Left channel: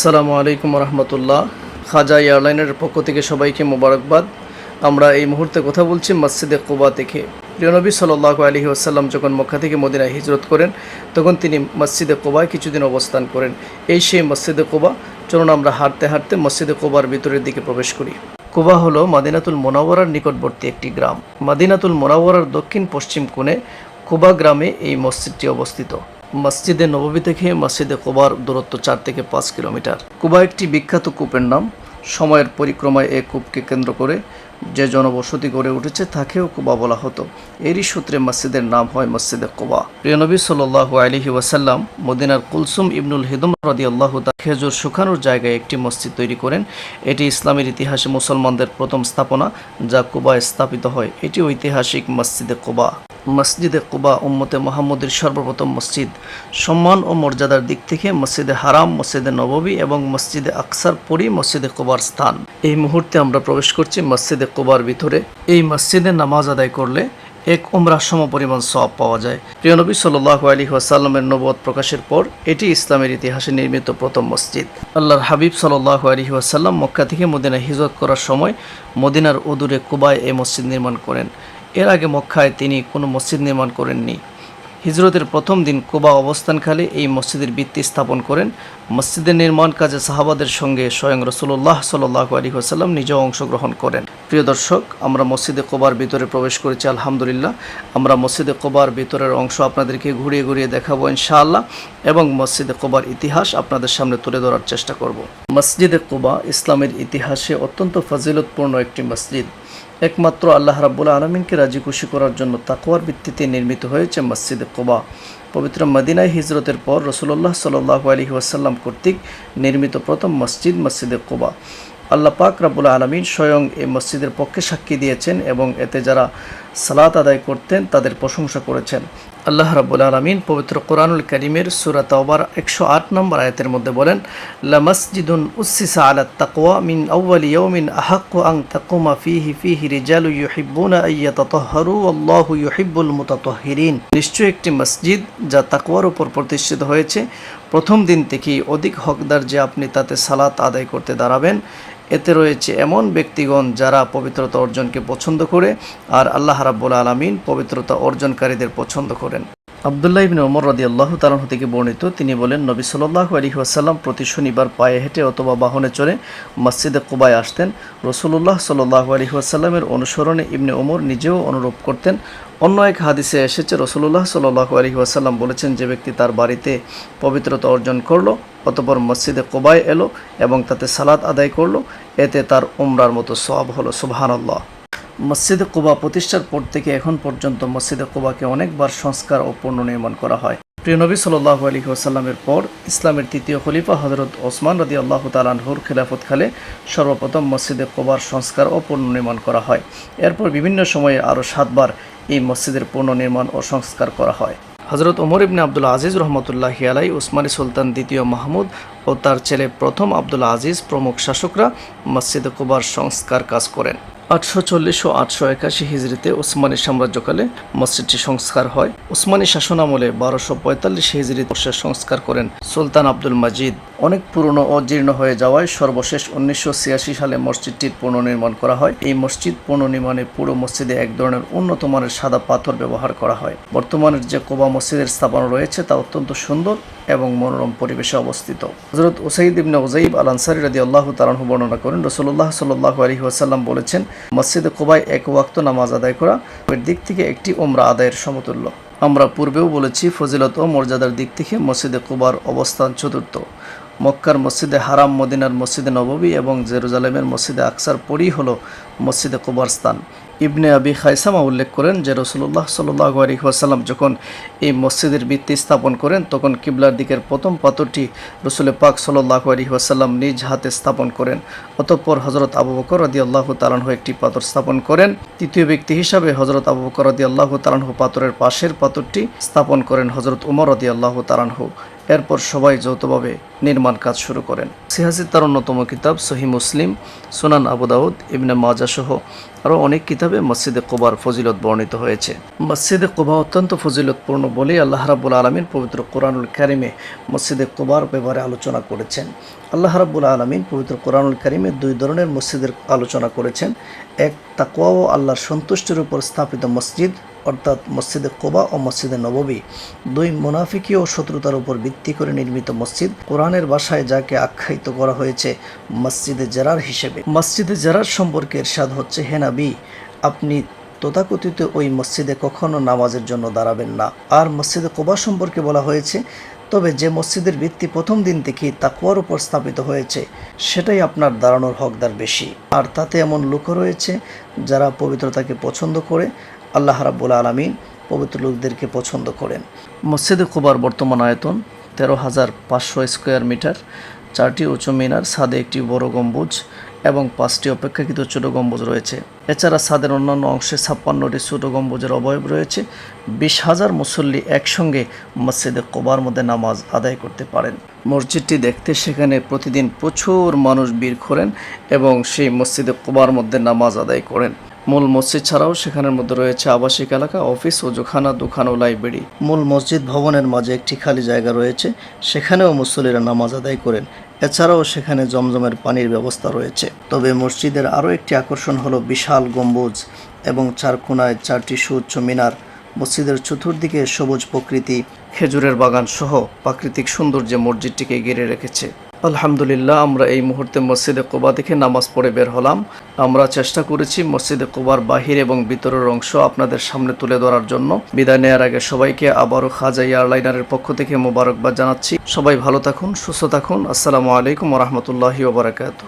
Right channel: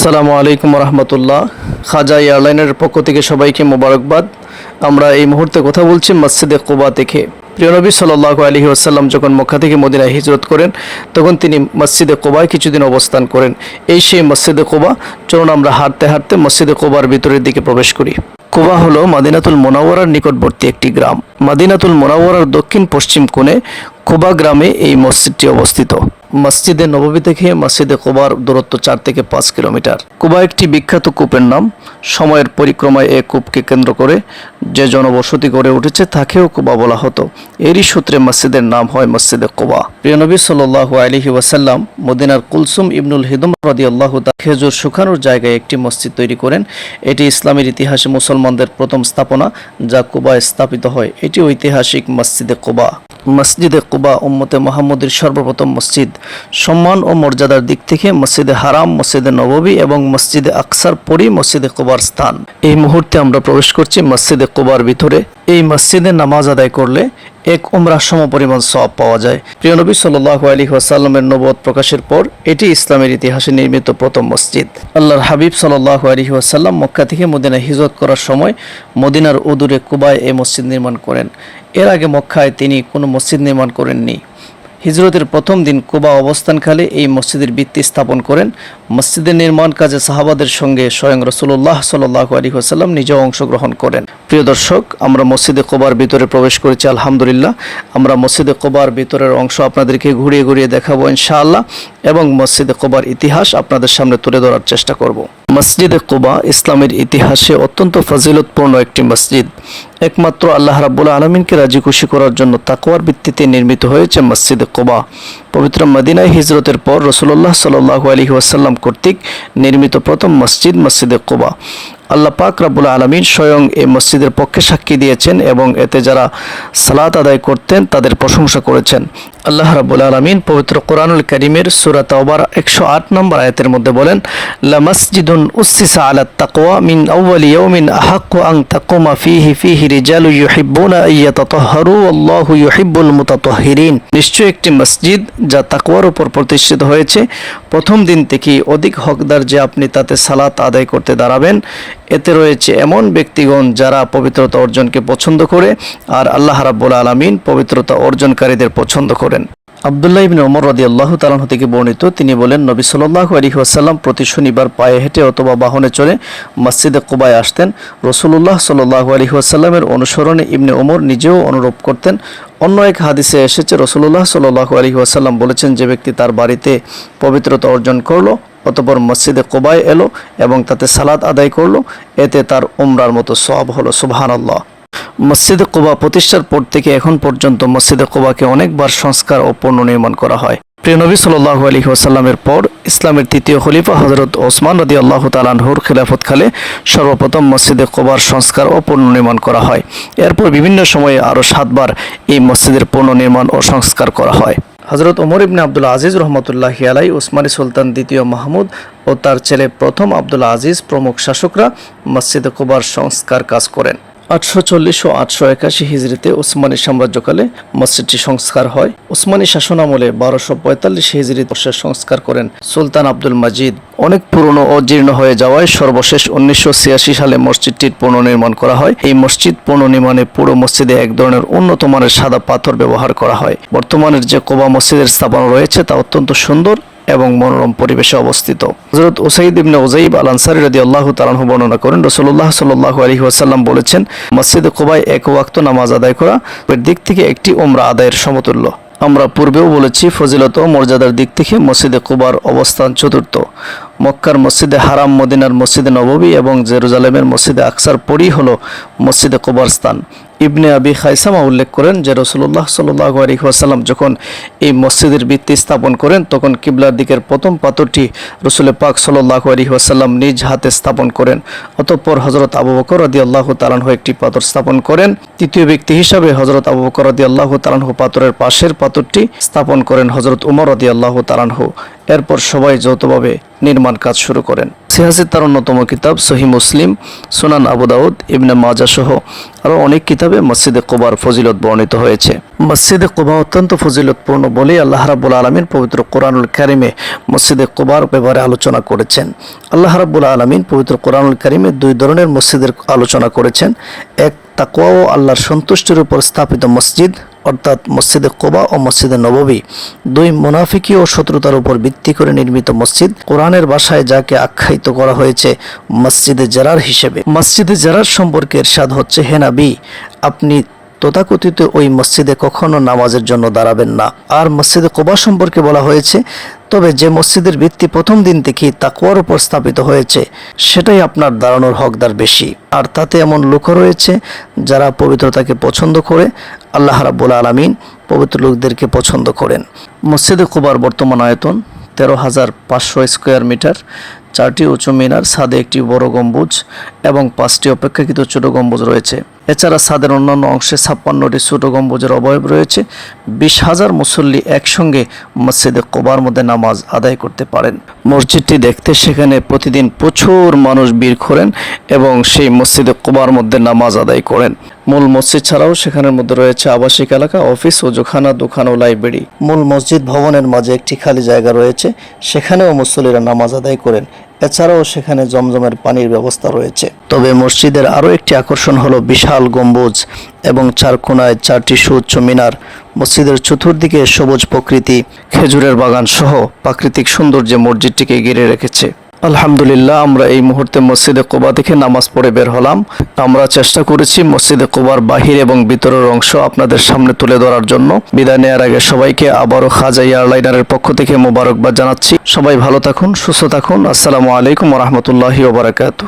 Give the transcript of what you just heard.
আসসালামু আলাইকুম রহমতুল্লাহ। খাজা এয়ারলাইনের পক্ষ থেকে সবাইকে মোবারকবাদ। আমরা এই মুহূর্তে কথা বলছি মসজিদে কোবা থেকে। প্রিয় নবী সাল্লাহ আলহি আসাল্লাম যখন মক্কা থেকে মদিনায় হিজরত করেন, তখন তিনি মসজিদে কোবায় কিছুদিন অবস্থান করেন। এই সেই মসজিদে কোবা, চলুন আমরা হাঁটতে হাঁটতে মসজিদে কোবার ভিতরের দিকে প্রবেশ করি। কোবা হলো মাদিনাতুল মোনাওয়ারার নিকটবর্তী একটি গ্রাম। মাদিনাতুল মোনাওয়ারার দক্ষিণ পশ্চিম কোণে কোবা গ্রামে এই মসজিদটি অবস্থিত। মসজিদে নববী থেকে মসজিদে কোবার দূরত্ব চার থেকে পাঁচ কিলোমিটার। কুবা একটি বিখ্যাত কূপের নাম। সময়ের পরিক্রমায় এ কূপকে কেন্দ্র করে যে জনবসতি গড়ে উঠেছে তাকেও কুবা বলা হতো। এরই সূত্রে মসজিদের নাম হয় মসজিদে কোবা। প্রিয় নবী সাল্লাহ আলহি ওয়াসাল্লাম মদিনার কুলসুম ইবনুল হিদুম রদি আল্লাহ খেজুর শুকানোর জায়গায় একটি মসজিদ তৈরি করেন। এটি ইসলামের ইতিহাসে মুসলমানদের প্রথম স্থাপনা যা কুবায় স্থাপিত হয়। এটি ঐতিহাসিক মসজিদে কোবা। মসজিদে কুবা উম্মতে মোহাম্মদের সর্বপ্রথম মসজিদ। সম্মান ও মর্যাদার দিক থেকে মসজিদে হারাম, মসজিদে নববী এবং মসজিদে আকসার পরই মসজিদে কোবার স্থান। এই মুহূর্তে আমরা প্রবেশ করছি মসজিদে কোবার ভিতরে। এই মসজিদে নামাজ আদায় করলে এক উমরা সম পরিমাণ সব পাওয়া যায়। প্রিয় নবী সাল্লাহ আলী ওয়াসাল্লামের নবদ প্রকাশের পর এটি ইসলামের ইতিহাসে নির্মিত প্রথম মসজিদ। আল্লাহর হাবিব সাল্লাহ আলী ওয়াসাল্লাম মক্কা থেকে মদিনা হিজরত করার সময় মদিনার উদূরে কুবায় এই মসজিদ নির্মাণ করেন। এর আগে মক্কায় তিনি কোনো মসজিদ নির্মাণ করেননি। হিজরতের প্রথম দিন কুবা অবস্থানকালে এই মসজিদের ভিত্তি স্থাপন করেন। মসজিদের নির্মাণ কাজে সাহাবাদের সঙ্গে স্বয়ং রসুল্লাহ সাল্লাহ আলী হাসাল্লাম নিজেও অংশগ্রহণ করেন। প্রিয় দর্শক, আমরা মসজিদে কোবার ভিতরে প্রবেশ করেছি, আলহামদুলিল্লাহ। আমরা মসজিদে কোবার ভিতরের অংশ আপনাদেরকে ঘুরিয়ে ঘুরিয়ে দেখাবো ইনশাআল্লাহ এবং মসজিদে কোবার ইতিহাস আপনাদের সামনে তুলে ধরার চেষ্টা করব। মসজিদে কোবা ইসলামের ইতিহাসে অত্যন্ত ফজিলতপূর্ণ একটি মসজিদ। একমাত্র আল্লাহ রাবুল আলমিনকে রাজি খুশি করার জন্য তাকওয়ার ভিত্তিতে নির্মিত হয়েছে মসজিদ কোবা। পবিত্র মদিনায় হিজরতের পর রসুল্লাহ সাল্লাহ আলী ওয়াসাল্লাম কর্তৃক নির্মিত প্রথম মসজিদ মসজিদে কোবা। আল্লাহ পাক রাবুল আলমিন স্বয়ং এই মসজিদের পক্ষে সাক্ষী দিয়েছেন এবং এতে যারা সালাত আদায় করতেন তাদের প্রশংসা করেছেন। আল্লাহ রাবুল আলমিন পবিত্র কোরআনুল করিমের সুরাত আবার একশো আট নম্বর আয়াতের মধ্যে বলেন, লা মসজিদুন উসিসা আলা তাকওয়া মিন আউয়ালি ইয়াউমিন আহাক্কু আন তাকুমা ফিহি ফিহি রিজালু ইউহিব্বুনা আইয়াতাতাহহারু আল্লাহু ইউহিব্বুল মুতাতাহহিরিন নিশ্চয় একটি মসজিদ যা তাকওয়ার উপর প্রতিষ্ঠিত হয়েছে, প্রথম দিন থেকেই অধিক হকদার যে আপনি তাতে সালাত আদায় করতে দাঁড়াবেন। এতে রয়েছে এমন ব্যক্তিগণ যারা পবিত্রতা অর্জনকে পছন্দ করে, আর আল্লাহ রাব্বুল আলামিন পবিত্রতা অর্জনকারীদের পছন্দ করেন। আবদুল্লাহ ইবিন ওমর রদি আল্লাহ তালাহ থেকে বর্ণিত, তিনি বলেন, নবী সাল্লাহ আলী প্রতি শনিবার পায়ে হেঁটে অথবা বাহনে চড়ে মসজিদে কোবায় আসতেন। রসুল্লাহ সাল্লাহ আলী অনুসরণে ইবনে ওমর নিজেও অনুরোপ করতেন। অন্য এক হাদিসে এসেছে রসুল্লাহ সাল্লাহ আলী বলেছেন, যে ব্যক্তি তার বাড়িতে পবিত্রতা অর্জন করল, অতপর মসজিদে কোবায় এলো এবং তাতে সালাদ আদায় করল, এতে তার উমরার মতো সব হলো সুবহান আল্লাহ মসজিদে কোবা প্রতিষ্ঠার পর থেকে এখন পর্যন্ত মসজিদে কোবাকে অনেকবার সংস্কার ও পুনর্নির্মাণ করা হয়। প্রিয় নবী সাল্লাহ আলী ওসাল্লামের পর ইসলামের তৃতীয় খলিফা হজরত ওসমান রদি আল্লাহ তালানহুর খিলাফতকালে সর্বপ্রথম মসজিদে কোবার সংস্কার ও পুনর্নির্মাণ করা হয়। এরপর বিভিন্ন সময়ে আরও সাতবার এই মসজিদের পুনর্নির্মাণ ও সংস্কার করা হয়। হজরত ওমর ইবনে আব্দুল আজিজ রহমতুল্লাহ আলাই উসমানী সুলতান দ্বিতীয় মাহমুদ ও তার ছেলে প্রথম আব্দুল আজিজ প্রমুখ শাসকরা মসজিদে কোবার সংস্কার কাজ করেন। আটশো চল্লিশ ও আটশো একাশি হিজড়িতে ওসমানী সাম্রাজ্যকালে মসজিদটি সংস্কার হয়। ওসমানী শাসনামলে বারোশো পঁয়তাল্লিশ হিজড়ি বর্ষে সংস্কার করেন সুলতান আব্দুল মাজিদ। অনেক পুরনো ও জীর্ণ হয়ে যাওয়ায় সর্বশেষ উনিশশো ছিয়াশি সালে মসজিদটির পুনর্নির্মাণ করা হয়। এই মসজিদ পুনর্নির্মাণে পুরো মসজিদে এক ধরনের উন্নত মানের সাদা পাথর ব্যবহার করা হয়। বর্তমানের যে কোবা মসজিদের স্থাপনা রয়েছে তা অত্যন্ত সুন্দর এবং মনোরম পরিবেশে অবস্থিত। হজরত ওসাইদ ইবনে ওজাইব আল আনসারি রদি আল্লাহ তালাহু বর্ণনা করেন রসুল্লাহ সাল্লাহ আলী ওয়াসাল্লাম বলেছেন, মসজিদে কোবায় এক ওয়াক্ত নামাজ আদায় করা এর দিক থেকে একটি ওমরা আদায়ের সমতুল্য। আমরা পূর্বেও বলেছি, ফজিলত ও মর্যাদার দিক থেকে মসজিদে কুবার অবস্থান চতুর্থ। মক্কার মসজিদে হারাম, মদিনার মসজিদে নববী এবং জেরুজালেমের মসজিদে আকসার পরই হল মসজিদে কুবার স্থান। ইবনে আবি খাইসামা উল্লেখ করেন যে রসুল্লাহ সাল্লাহ আলহিহাসাল্লাম যখন এই মসজিদের ভিত্তি স্থাপন করেন, তখন কিবলার দিকের প্রথম পাথরটি রসুল পাক সাল্লাহ আলহিহাসাল্লাম নিজ হাতে স্থাপন করেন। অতঃপর হজরত আবু বকর আদি আল্লাহ তালানহ একটি পাথর স্থাপন করেন। তৃতীয় ব্যক্তি হিসাবে হজরত আবু বকর আদি আল্লাহ তালানহ পাথরের পাশের পাথরটি স্থাপন করেন হজরত উমর আদি আল্লাহ তালানহ এরপর সবাই যৌথভাবে নির্মাণ কাজ শুরু করেন। সিহাসিদ তার অন্যতম কিতাব সহি মুসলিম, সুনান আবু দাউদ, ইবনে মাজা সহ আরও অনেক কিতাবে মসজিদে কোবার ফজিলত বর্ণিত হয়েছে। মসজিদে কোবা অত্যন্ত ফজিলতপূর্ণ বলেই আল্লাহ রাবুল আলমিন পবিত্র কোরআনুল কারিমে মসজিদে কোবার ব্যাপারে আলোচনা করেছেন। আল্লাহ রাবুল আলমিন পবিত্র কোরআনুল কারিমে দুই ধরনের মসজিদের আলোচনা করেছেন। এক তাকওয়া ও আল্লাহর সন্তুষ্টির উপর স্থাপিত মসজিদ, অর্থাৎ মসজিদে কোবা ও মসজিদে নববী। দুই মুনাফিকি ও শত্রুতার উপর ভিত্তি করে নির্মিত মসজিদ কোরআনের বাসায় যাকে আখ্যায়িত করা হয়েছে মসজিদে জারার হিসেবে। মসজিদে জারার সম্পর্কে স্বাদ হচ্ছে হেনাবি আপনি তথাকথিত ওই মসজিদে কখনো নামাজের জন্য দাঁড়াবেন না। আর মসজিদে কোবা সম্পর্কে বলা হয়েছে, তবে যে মসজিদের ভিত্তি প্রথম দিন থেকেই তাকুয়ার উপর স্থাপিত হয়েছে, সেটাই আপনার দাঁড়ানোর হকদার বেশি। আর তাতে এমন লোকও রয়েছে যারা পবিত্রতাকে পছন্দ করে, আল্লাহ রাব্বুল আলমিন পবিত্র লোকদেরকে পছন্দ করেন। মসজিদে কুবার বর্তমান আয়তন তেরো হাজার পাঁচশো স্কোয়ার মিটার, চারটি উঁচু মিনার, ছাদে একটি বড় গম্বুজ এবং পাঁচটি অপেক্ষাকৃত ছোট গম্বুজ রয়েছে। এছাড়া ছাদের অন্যান্য অংশে ছাপ্পান্নটি ছোট গম্বুজের অবয়ব রয়েছে। বিশ হাজার মুসল্লি একসঙ্গে মসজিদে কোবার মধ্যে নামাজ আদায় করতে পারেন। মসজিদটি দেখতে সেখানে প্রতিদিন প্রচুর মানুষ ভিড় করেন এবং সেই মসজিদে কোবার মধ্যে নামাজ আদায় করেন। মূল মসজিদ ছাড়াও সেখানের মধ্যে রয়েছে আবাসিক এলাকা, অফিস, ওজোখানা, দোকান ও লাইব্রেরি। মূল মসজিদ ভবনের মাঝে একটি খালি জায়গা রয়েছে, সেখানেও মুসল্লিরা নামাজ আদায় করেন। এছাড়াও সেখানে জমজমের পানির ব্যবস্থা রয়েছে। তবে মসজিদের আরও একটি আকর্ষণ হলো বিশাল গম্বুজ এবং চার কোনায় চারটি সুউচ্চ মিনার। মসজিদের চতুর্দিকে সবুজ প্রকৃতি, খেজুরের বাগান সহ প্রাকৃতিক সৌন্দর্যে মসজিদটিকে ঘিরে রেখেছে। আলহামদুলিল্লাহ, আমরা এই মুহূর্তে মসজিদে কোবা থেকে নামাজ পড়ে বের হলাম। আমরা চেষ্টা করেছি মসজিদে কোবার বাহির এবং ভিতরের অংশ আপনাদের সামনে তুলে ধরার জন্য। বিদায় নেওয়ার আগে সবাইকে আবারও খাজা এয়ারলাইনারের পক্ষ থেকে মোবারকবাদ জানাচ্ছি। সবাই ভালো থাকুন, সুস্থ থাকুন। আসসালামু আলাইকুম রহমতুল্লাহি ওবরাকাতু